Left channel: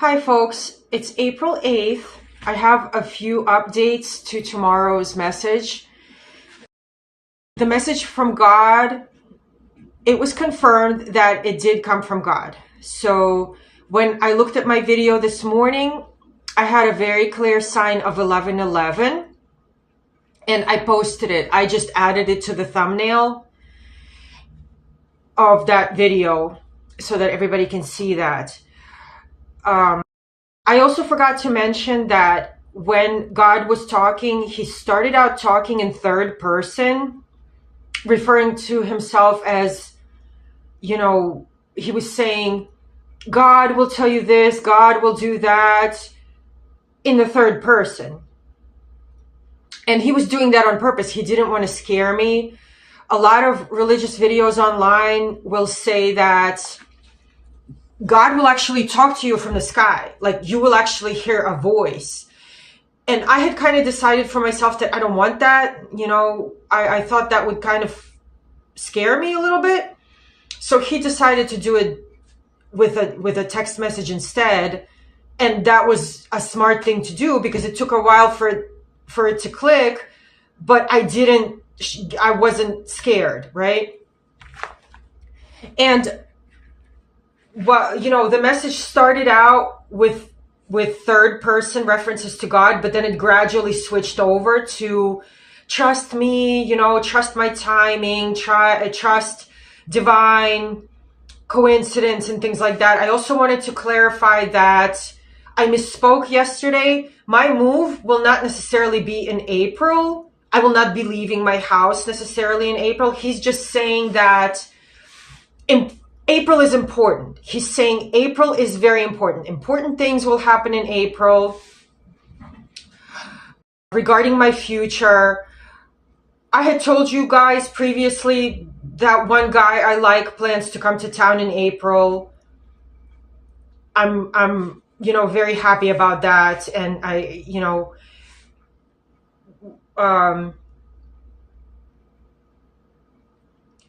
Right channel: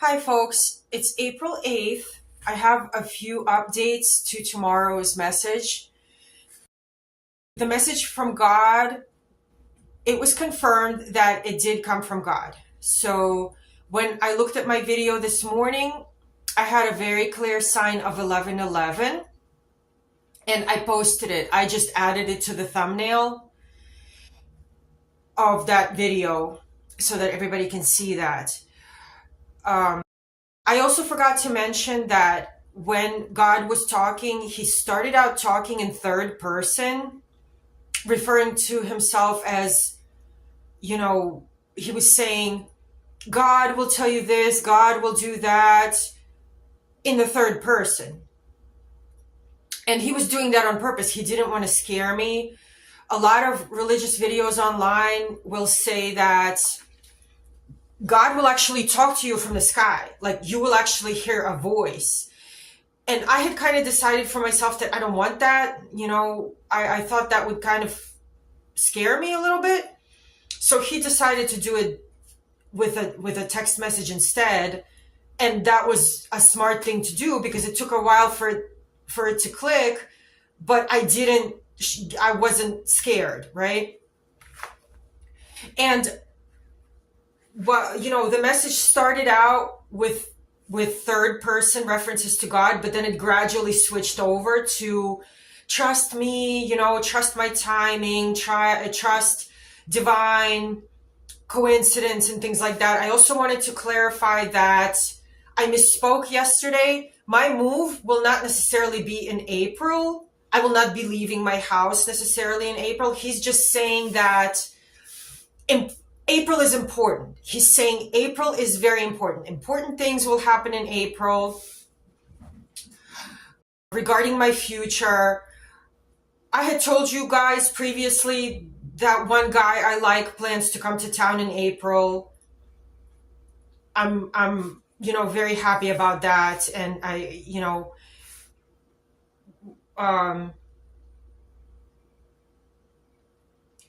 Hi folks, it's April 8th. I have a few updates to tomorrow's message. The message from God, it was confirmed that it did come from God. So when I looked at my video this morning, I had a very clear sign of 11:11 and I posted it. I just added it to the thumbnail of that video so that everybody can see that. I also forgot to mention that when God was talking, he started out talking in third person, referring to himself as, he was saying, God will tell you this, God will do that, in the third person. And he was doing that on purpose. He didn't want to scare me. A lot of religious videos online will say that God will actually talk to you from the sky. Like you will actually hear a voice. And I had kind of decided for myself that I don't want that. I thought that would kind of scare me a little bit. So he decided to do it with a text message instead. And that was a smart thing to do because it took a while for it to click, but I wasn't scared, right? And the message started out with third person references to God, but then it gradually switched over to trust me, trust my timing, trust divine coincidence and things like that. I also wanted to clarify that I misspoke yesterday. My move will not necessarily be in April. I will not be leaving my house necessarily in April. He's just saying that April is important. He's saying April is very important. Important things will happen in April. Regarding my future, I had told you guys previously that one guy I like plans to come to town in April. I'm very happy about that. And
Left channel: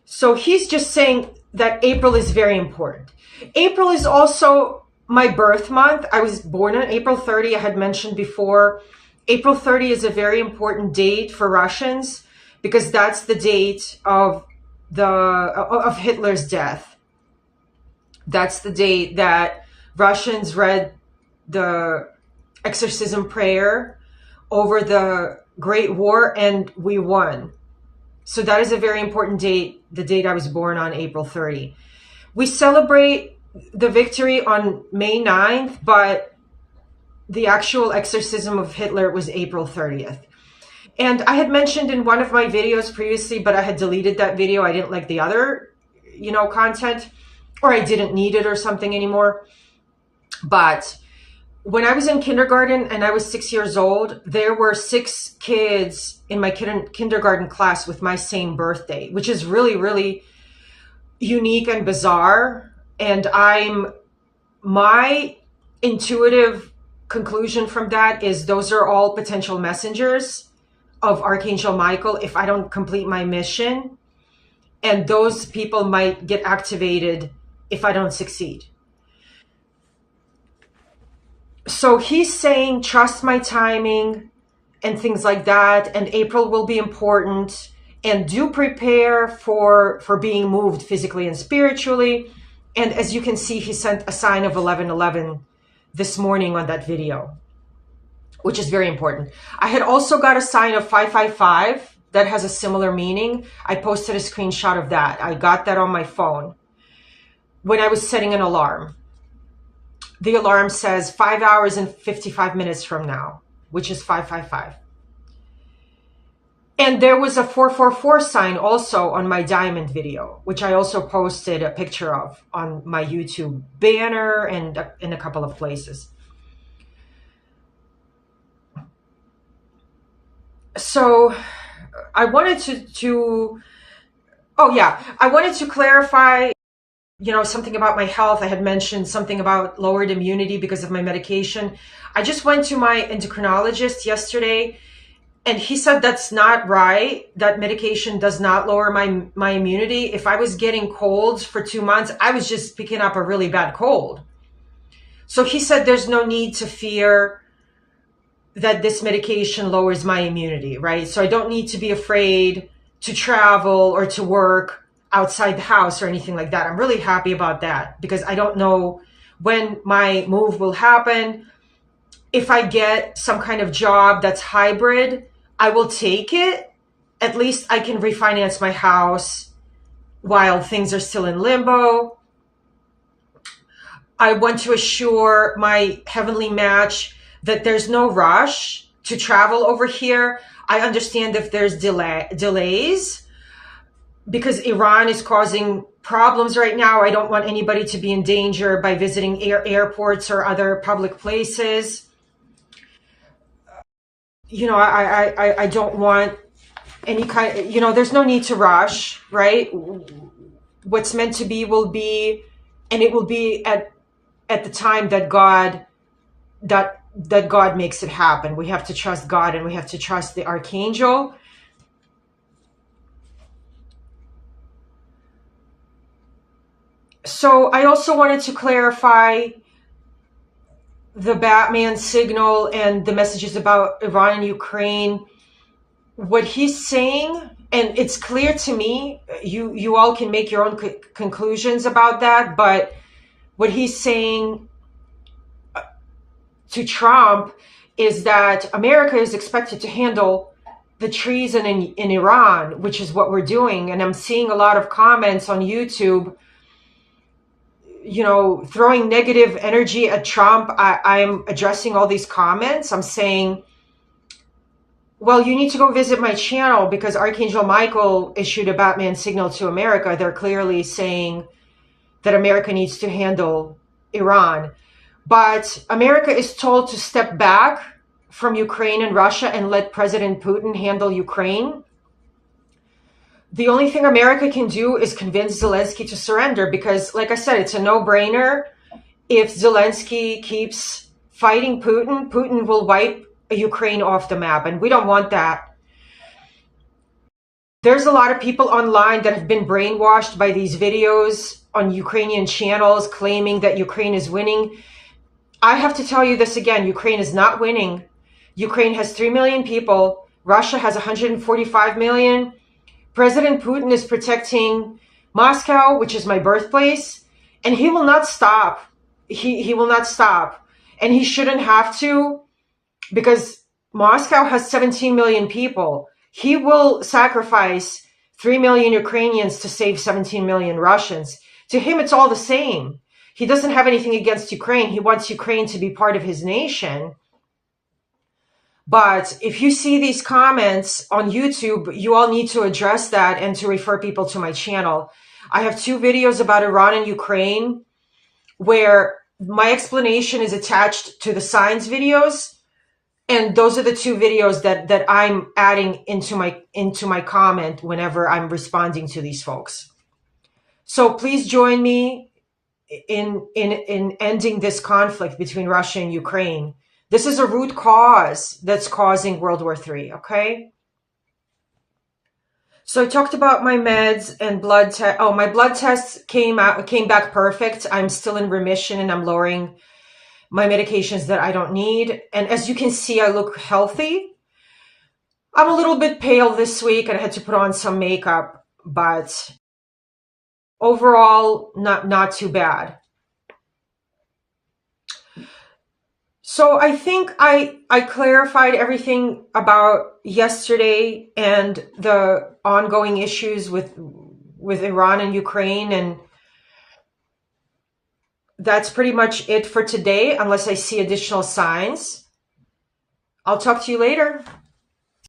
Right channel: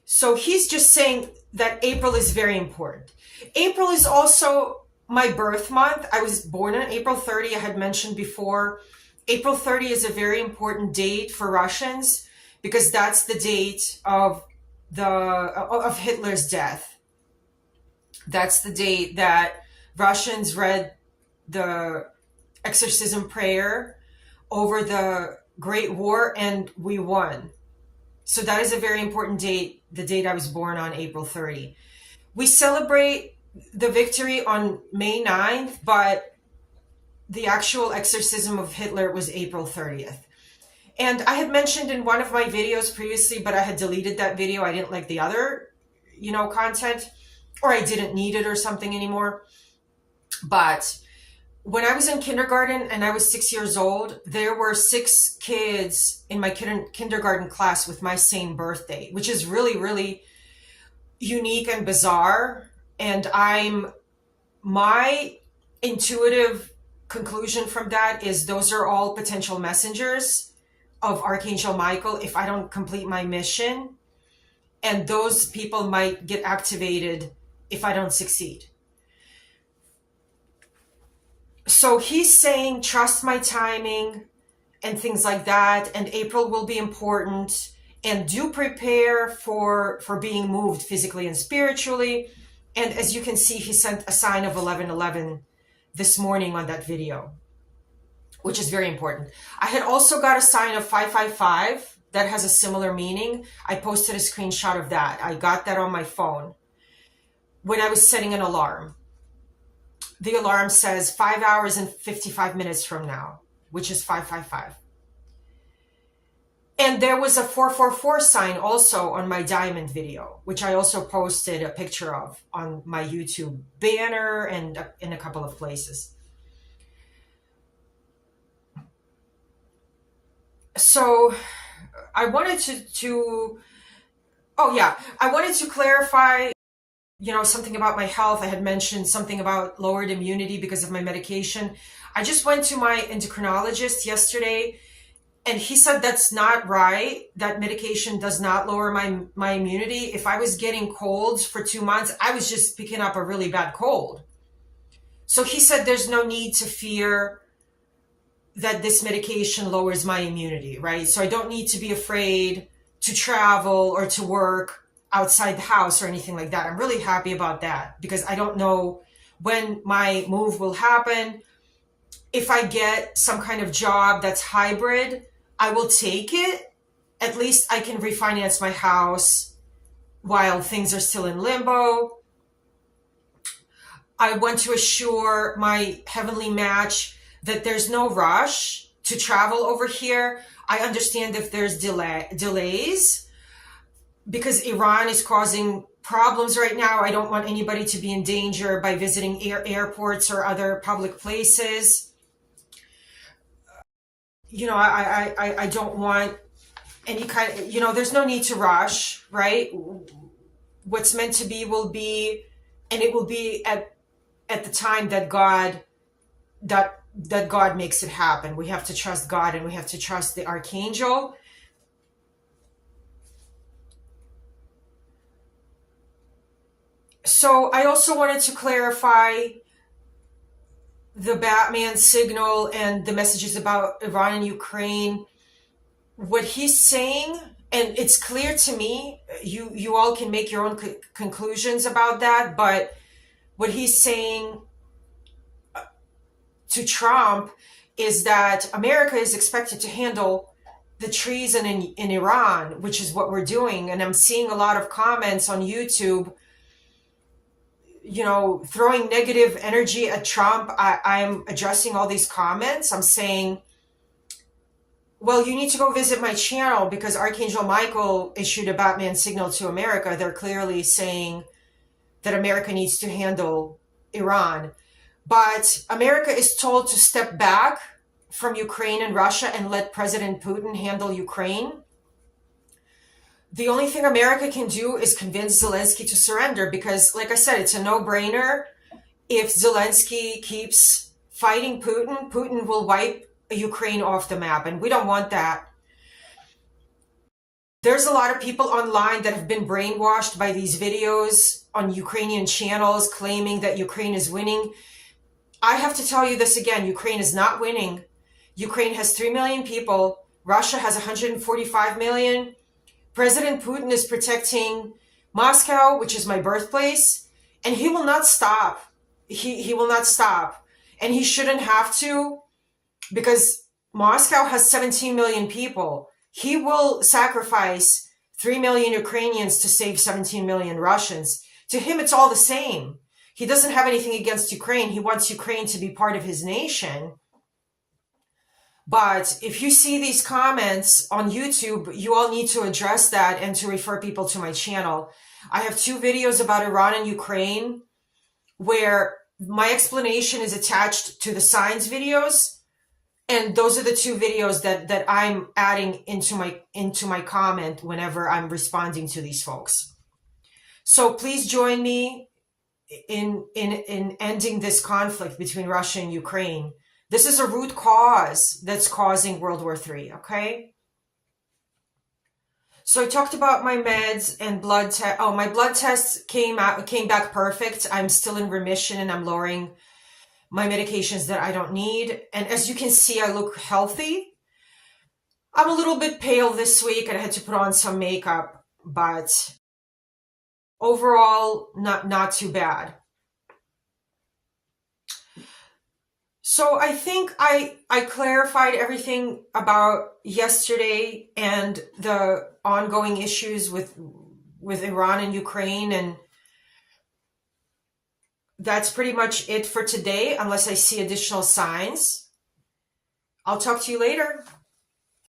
so he's just saying that April is very important. April is also my birth month. I was born on April 30. I had mentioned before, April 30 is a very important date for Russians because that's the date of Hitler's death. That's the date that Russians read the exorcism prayer over the Great War and we won. So that is a very important date, the date I was born on, April 30. We celebrate the victory on May 9th, but the actual exorcism of Hitler was April 30th. And I had mentioned in one of my videos previously, but I had deleted that video. I didn't like the other, content, or I didn't need it or something anymore. But when I was in kindergarten and I was 6 years old, there were 6 kids in my kindergarten class with my same birthday, which is really, really unique and bizarre. And my intuitive conclusion from that is those are all potential messengers of Archangel Michael if I don't complete my mission. And those people might get activated if I don't succeed. So he's saying, trust my timing and things like that. And April will be important. And do prepare for being moved physically and spiritually. And as you can see, he sent a sign of 11:11 this morning on that video, which is very important. I had also got a sign of 555 that has a similar meaning. I posted a screenshot of that. I got that on my phone when I was setting an alarm. The alarm says 5 hours and 55 minutes from now, which is 555. And there was a 444 sign also on my diamond video, which I also posted a picture of on my YouTube banner and in a couple of places. So I wanted I wanted to clarify something about my health. I had mentioned something about lowered immunity because of my medication. I just went to my endocrinologist yesterday and he said that's not right. That medication does not lower my immunity. If I was getting colds for 2 months, I was just picking up a really bad cold. So he said there's no need to fear that this medication lowers my immunity, right? So I don't need to be afraid to travel or to work outside the house or anything like that. I'm really happy about that because I don't know when my move will happen. If I get some kind of job that's hybrid, I will take it. At least I can refinance my house while things are still in limbo. I want to assure my heavenly match that there's no rush to travel over here. I understand if there's delays because Iran is causing problems right now. I don't want anybody to be in danger by visiting airports or other public places. I don't want any kind, there's no need to rush, right? What's meant to be will be, and it will be at the time that God makes it happen. We have to trust God and we have to trust the archangel. So I also wanted to clarify the Batman signal and the messages about Iran and Ukraine. What he's saying, and it's clear to me, you all can make your own conclusions about that, but what he's saying to Trump is that America is expected to handle the treason in Iran, which is what we're doing. And I'm seeing a lot of comments on YouTube, throwing negative energy at Trump. I'm addressing all these comments. I'm saying, well, you need to go visit my channel because Archangel Michael issued a Batman signal to America. They're clearly saying that America needs to handle Iran. But America is told to step back from Ukraine and Russia and let President Putin handle Ukraine. The only thing America can do is convince Zelensky to surrender because, like I said, it's a no-brainer. If Zelensky keeps fighting Putin, Putin will wipe Ukraine off the map, and we don't want that. There's a lot of people online that have been brainwashed by these videos on Ukrainian channels claiming that Ukraine is winning. I have to tell you this again, Ukraine is not winning. Ukraine has 3 million people. Russia has 145 million. President Putin is protecting Moscow, which is my birthplace, and he will not stop. He will not stop. And he shouldn't have to because Moscow has 17 million people. He will sacrifice 3 million Ukrainians to save 17 million Russians. To him, it's all the same. He doesn't have anything against Ukraine. He wants Ukraine to be part of his nation. But if you see these comments on YouTube, you all need to address that and to refer people to my channel. I have 2 videos about Iran and Ukraine where my explanation is attached to the signs videos. And those are the 2 videos that I'm adding into my comment whenever I'm responding to these folks. So please join me in ending this conflict between Russia and Ukraine. This is a root cause that's causing World War III, okay? So I talked about my meds and blood test. Oh, my blood tests came back perfect. I'm still in remission and I'm lowering my medications that I don't need. And as you can see, I look healthy. I'm a little bit pale this week and I had to put on some makeup, but overall, not too bad. So I think I clarified everything about yesterday and the ongoing issues with Iran and Ukraine, and that's pretty much it for today, unless I see additional signs. I'll talk to you later.